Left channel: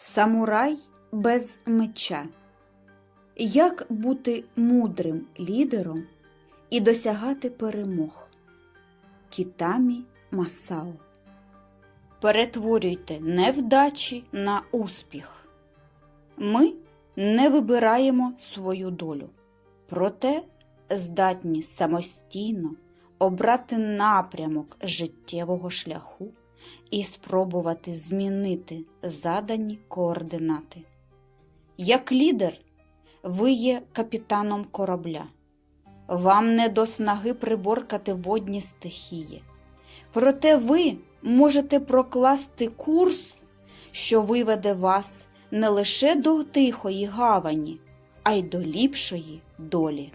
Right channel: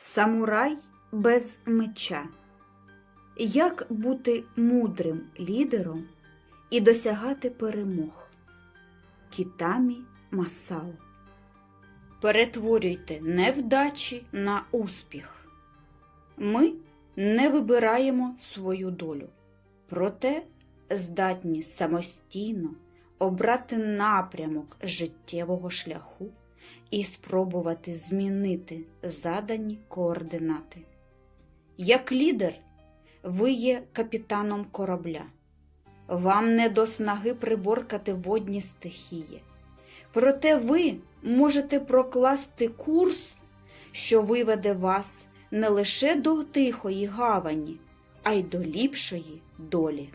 Самурай без меча. Як бути мудрим лідером і досягати перемог? Кітамі Масао. Перетворюйте невдачі на успіх. Ми не вибираємо свою долю, проте здатні самостійно обрати напрямок життєвого шляху і спробувати змінити задані координати. Як лідер, ви є капітаном корабля. Вам не до снаги приборкати водні стихії. Проте ви можете прокласти курс, що виведе вас не лише до тихої гавані, а й до ліпшої долі.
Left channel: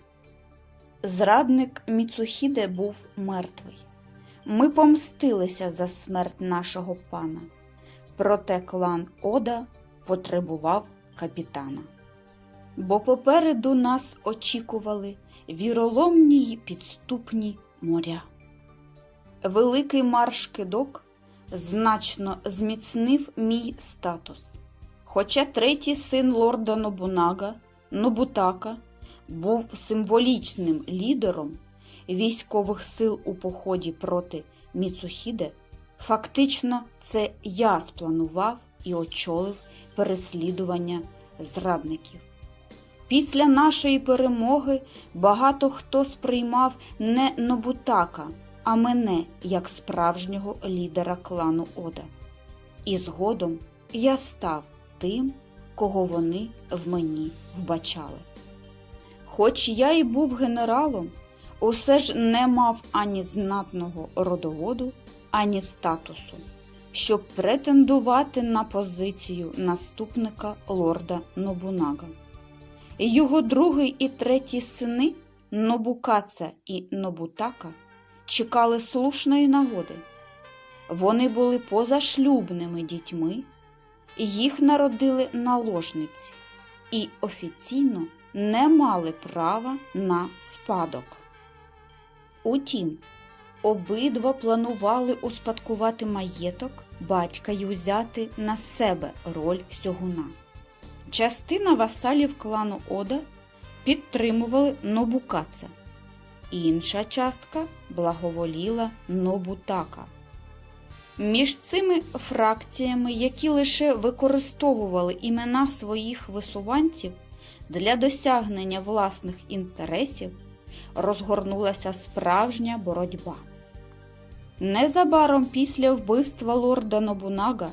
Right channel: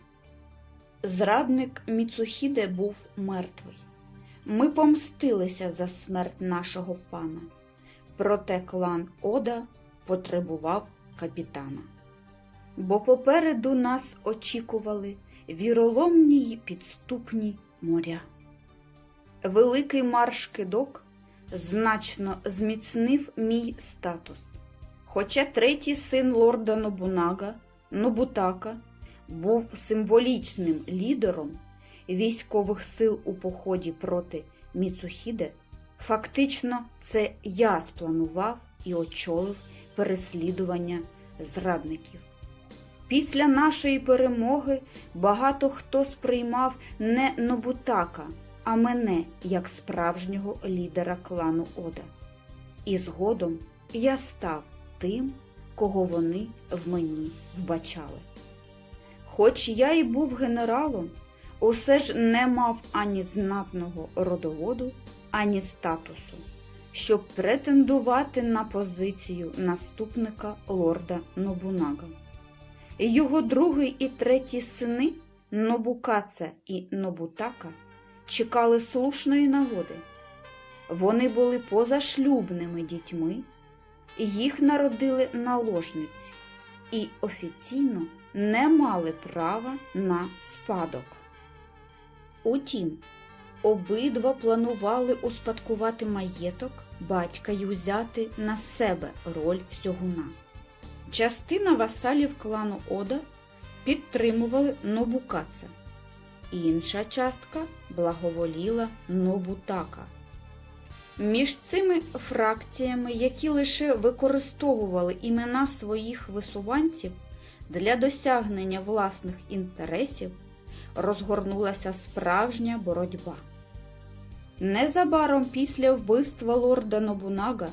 Зрадник Міцухіде був мертвий. Ми помстилися за смерть нашого пана. Проте клан Ода потребував капітана. Бо попереду нас очікували віроломні й підступні моря. Великий марш кидок значно зміцнив мій статус. Хоча третій син лорда Нобунага, Нобутака, був символічним лідером військових сил у поході проти Міцухіде, фактично це я спланував і очолив переслідування зрадників. Після нашої перемоги багато хто сприймав не Нобутака, а мене як справжнього лідера клану Ода. І згодом я став тим, кого вони в мені вбачали. Хоч я і був генералом, усе ж не мав ані знатного родоводу, ані статусу, щоб претендувати на позицію наступника лорда Нобунага. Його другий і третій сини Нобукаца і Нобутака чекали слушної нагоди. Вони були позашлюбними дітьми, їх народили наложниці і офіційно не мали права на спадок. Утім, обидва планували успадкувати маєток батька й узяти на себе роль сьогуна. Частина васалів клану Ода підтримували Нобукаца, інша частка благоволіла Нобутака. Між цими фракціями, які лише використовували імена своїх висуванців для досягнення власних інтересів, розгорнулася справжня боротьба. Незабаром після вбивства лорда Нобунага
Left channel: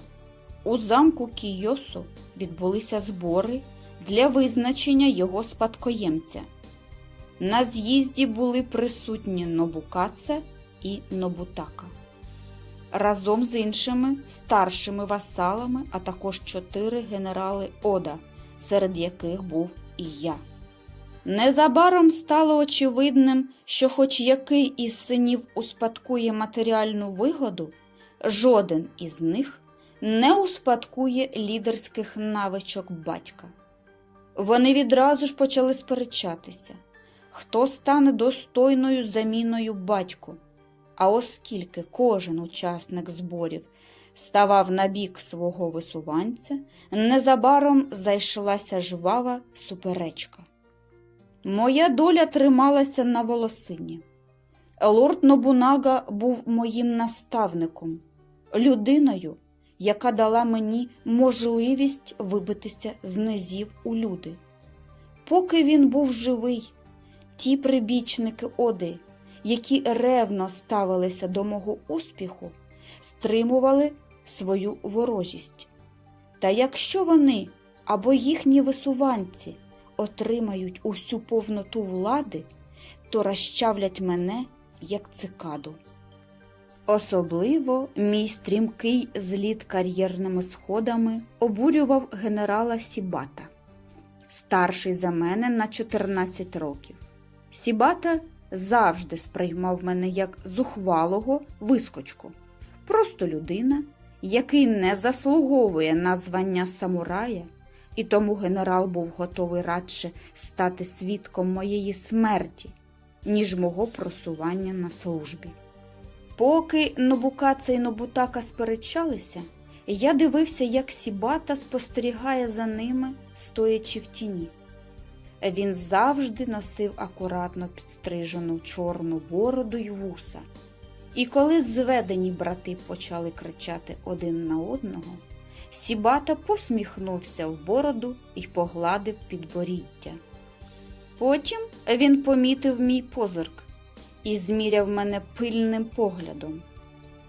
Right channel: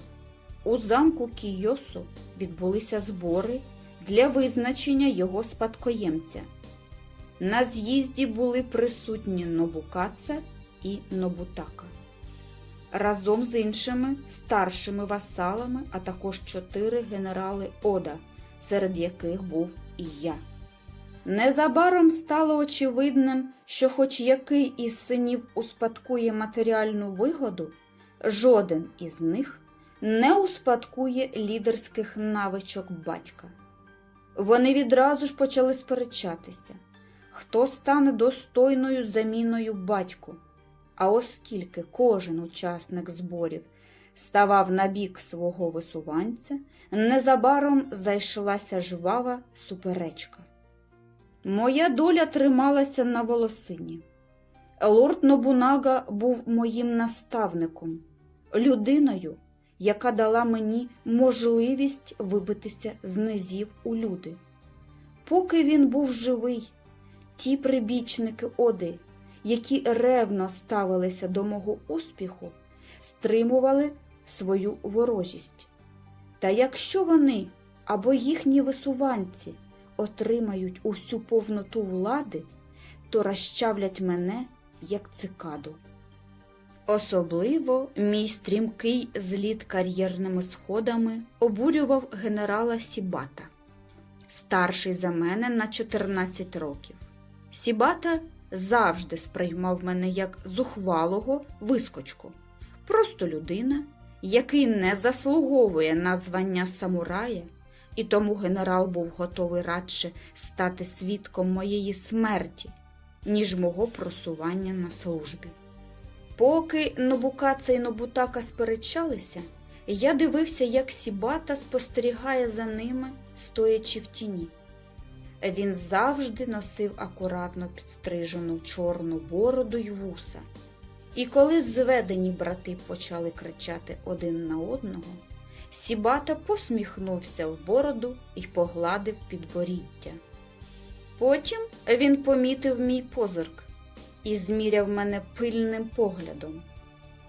у замку Кійосу відбулися збори для визначення його спадкоємця. На з'їзді були присутні Нобукаце і Нобутака. Разом з іншими старшими васалами, а також чотири генерали Ода, серед яких був і я. Незабаром стало очевидним, що хоч який із синів успадкує матеріальну вигоду, жоден із них не успадкує лідерських навичок батька. Вони відразу ж почали сперечатися, хто стане достойною заміною батьку. А оскільки кожен учасник зборів ставав на бік свого висуванця, незабаром зайшлася жвава суперечка. Моя доля трималася на волосині. Лорд Нобунага був моїм наставником, людиною, яка дала мені можливість вибитися з низів у люди. Поки він був живий, ті прибічники Оди, які ревно ставилися до мого успіху, стримували свою ворожість. Та якщо вони або їхні висуванці отримають усю повноту влади, то розчавлять мене як цикаду. Особливо мій стрімкий зліт кар'єрними сходами обурював генерала Сібата, старший за мене на 14 років. Сібата завжди сприймав мене як зухвалого вискочку, просто людина, який не заслуговує на звання самурая, і тому генерал був готовий радше стати свідком моєї смерті, ніж мого просування на службі. Поки Нобукаца і Нобутака сперечалися, Я дивився, як Сібата спостерігає за ними, стоячи в тіні. Він завжди носив акуратно підстрижену чорну бороду й вуса. І коли зведені брати почали кричати один на одного, Сібата посміхнувся в бороду і погладив підборіддя. Потім він помітив мій позирк і зміряв мене пильним поглядом.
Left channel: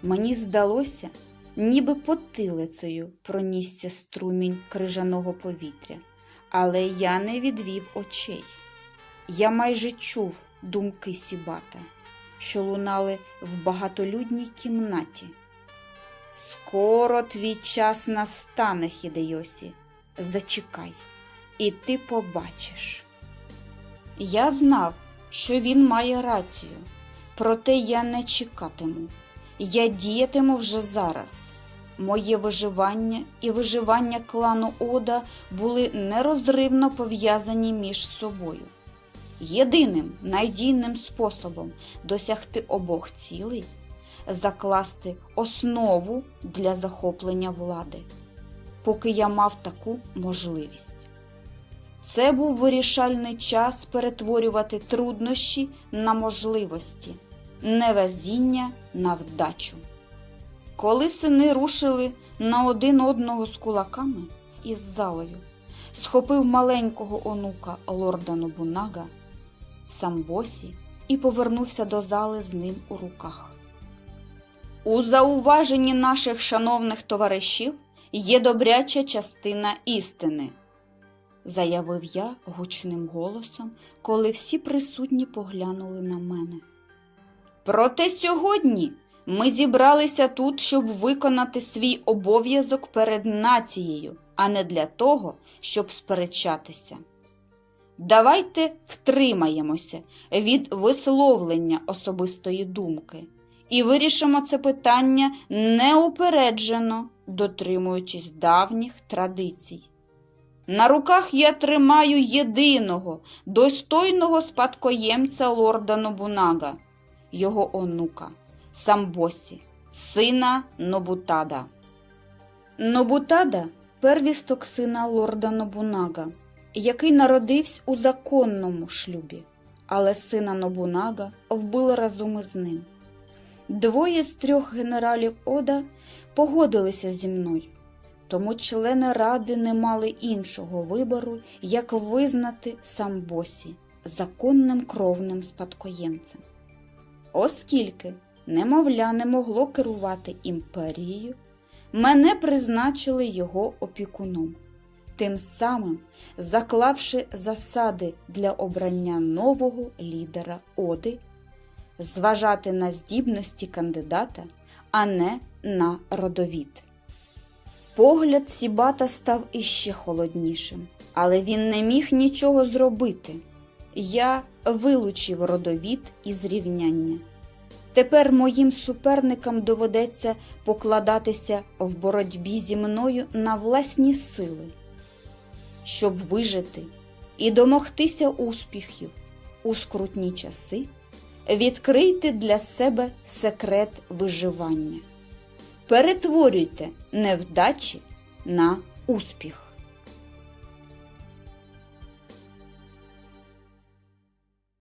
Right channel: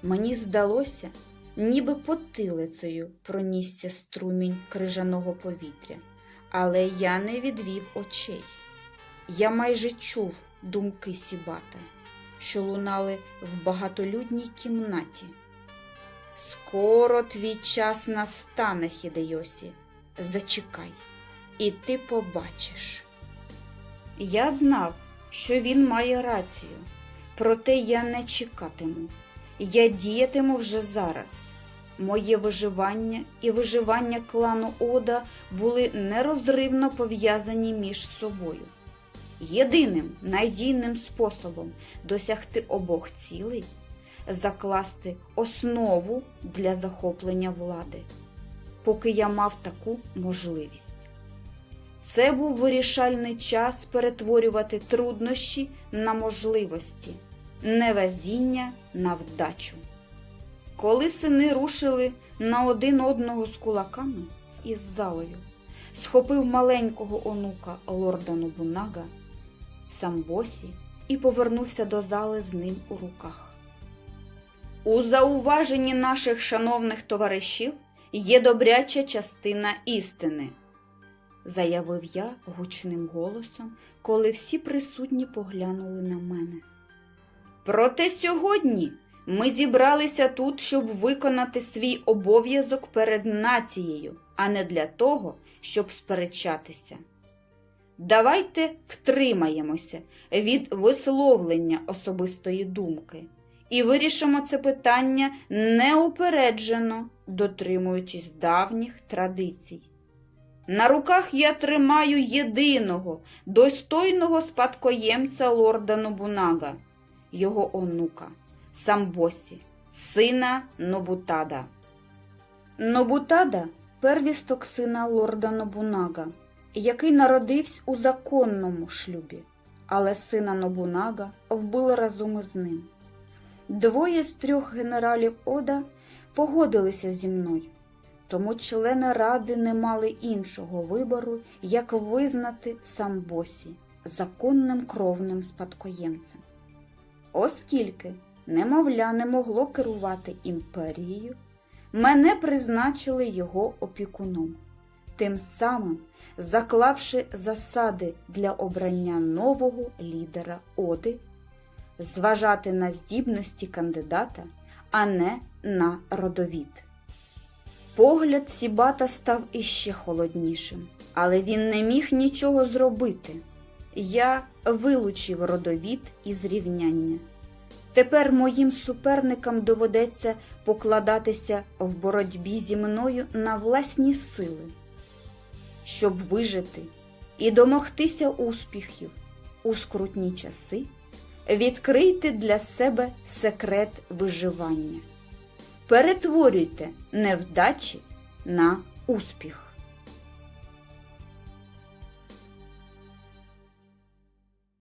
Мені здалося, ніби потилицею пронісся струмінь крижаного повітря, але я не відвів очей. Я майже чув думки Сібата, що лунали в багатолюдній кімнаті. Скоро твій час настане, Хідейосі. Зачекай, і ти побачиш. Я знав, що він має рацію, проте я не чекатиму. Я діятиму вже зараз. Моє виживання і виживання клану Ода були нерозривно пов'язані між собою. Єдиним надійним способом досягти обох цілей закласти основу для захоплення влади, поки я мав таку можливість. Це був вирішальний час перетворювати труднощі на можливості, невезіння на вдачу. Коли сини рушили на один одного з кулаками із залою, схопив маленького онука лорда Нобунага, Самбосі і повернувся до зали з ним у руках. У зауваженні наших шановних товаришів є добряча частина істини, заявив я гучним голосом, коли всі присутні поглянули на мене. Проте сьогодні ми зібралися тут, щоб виконати свій обов'язок перед нацією, а не для того, щоб сперечатися. Давайте втримаємося від висловлення особистої думки і вирішимо це питання неупереджено, дотримуючись давніх традицій. На руках я тримаю єдиного, достойного спадкоємця лорда Нобунага, його онука, Самбосі, сина Нобутада. Нобутада первісток сина лорда Нобунага, який народився у законному шлюбі, але сина Нобунага вбили разом із ним. Двоє з трьох генералів Ода погодилися зі мною, тому члени ради не мали іншого вибору, як визнати Самбосі законним кровним спадкоємцем. Оскільки немовля не могло керувати імперією, мене призначили його опікуном, тим самим заклавши засади для обрання нового лідера Оди зважати на здібності кандидата, а не на родовід. Погляд Сібата став іще холоднішим, але він не міг нічого зробити. Я вилучив родовід із рівняння. Тепер моїм суперникам доведеться покладатися в боротьбі зі мною на власні сили, щоб вижити і домогтися успіхів у скрутні часи. Відкрийте для себе секрет виживання. Перетворюйте невдачі на успіх.